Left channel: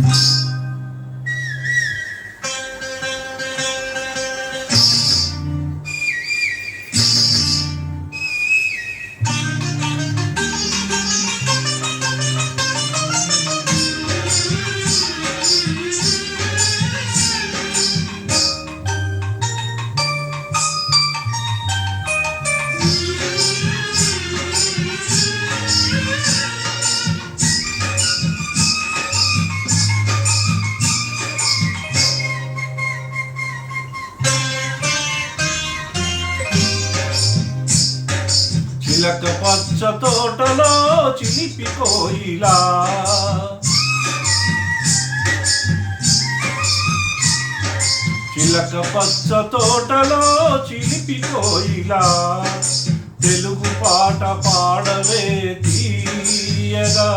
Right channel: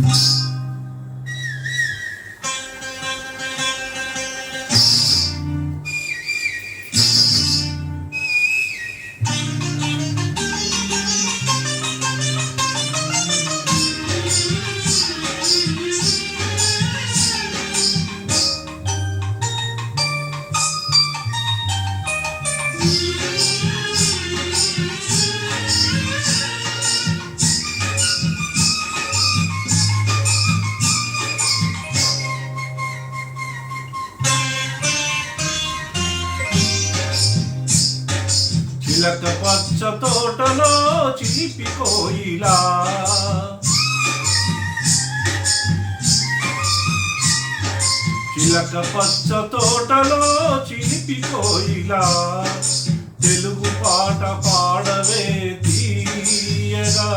Thank. చిలక పచ్చ తోటలో చిలిపి కోయిలా చిలక పచ్చ తోటలో చిలిపి కోయిలా తెలుగు పాట పాడవే తీయగా.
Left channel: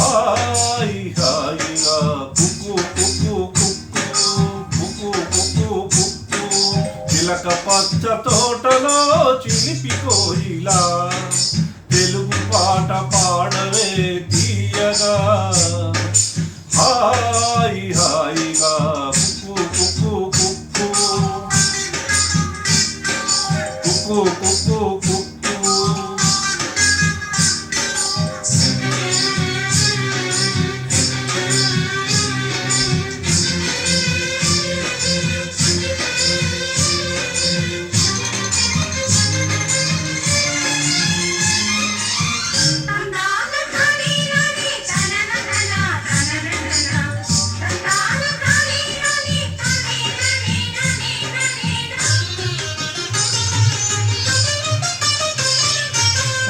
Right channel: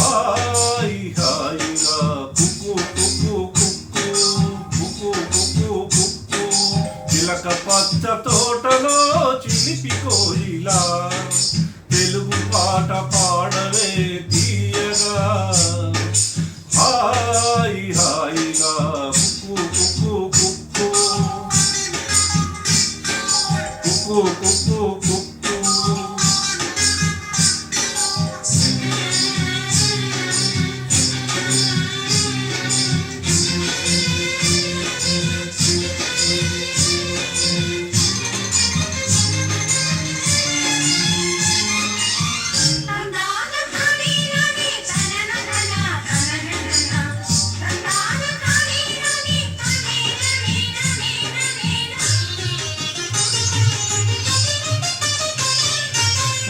ఆ చిలిపి కోయిలా తెలుగు పాట పాడవే తీయగా. హాయి హా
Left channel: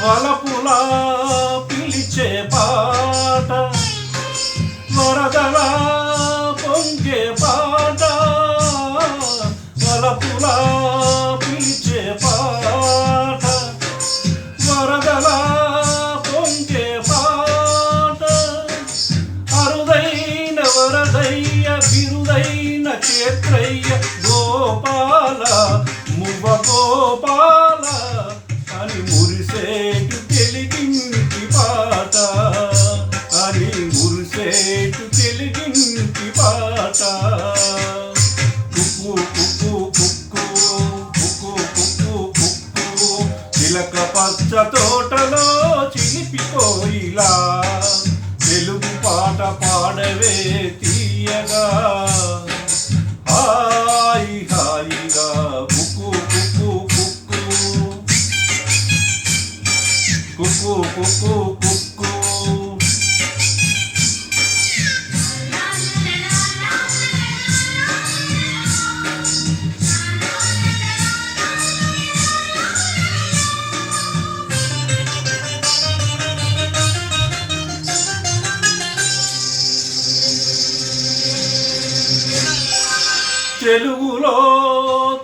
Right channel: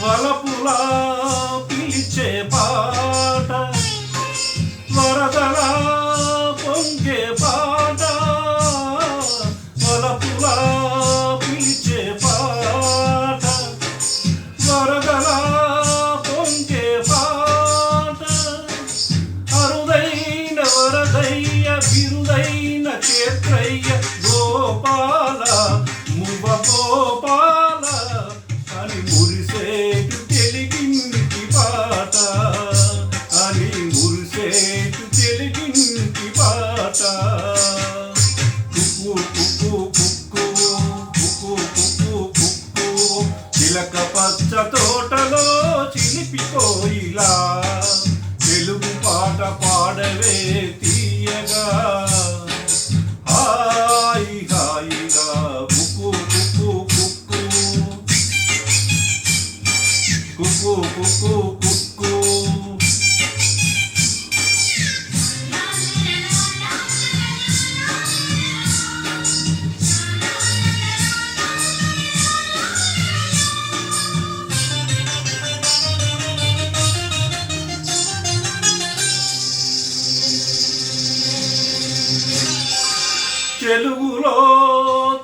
వలపులా పిలిచే పాట వరదలా పొంగే పాట వలపులా పిలిచే పాట వరదలా పొంగే పాట. అరుదైన వరదయ్య బిరుదైన క్షేత్రయ్య గోపాల మువ్వ కుక్కు కుక్కు కుక్కు తెలుగులో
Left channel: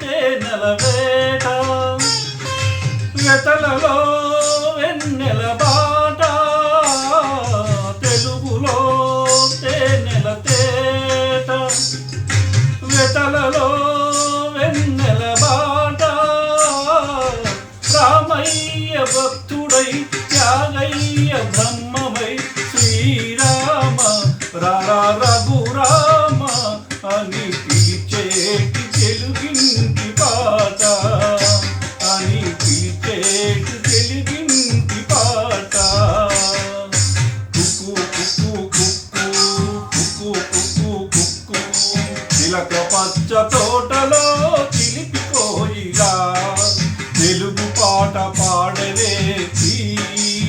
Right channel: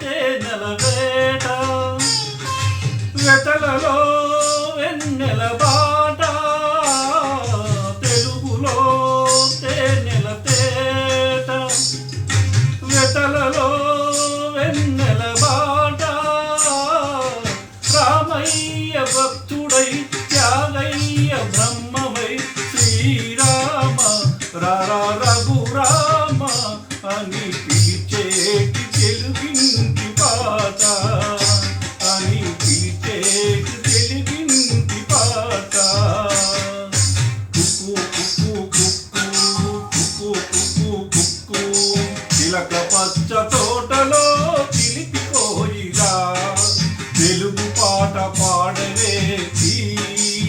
తేనెల వేట వెతలలో వెన్నెల బాట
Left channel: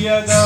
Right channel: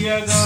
తీయగా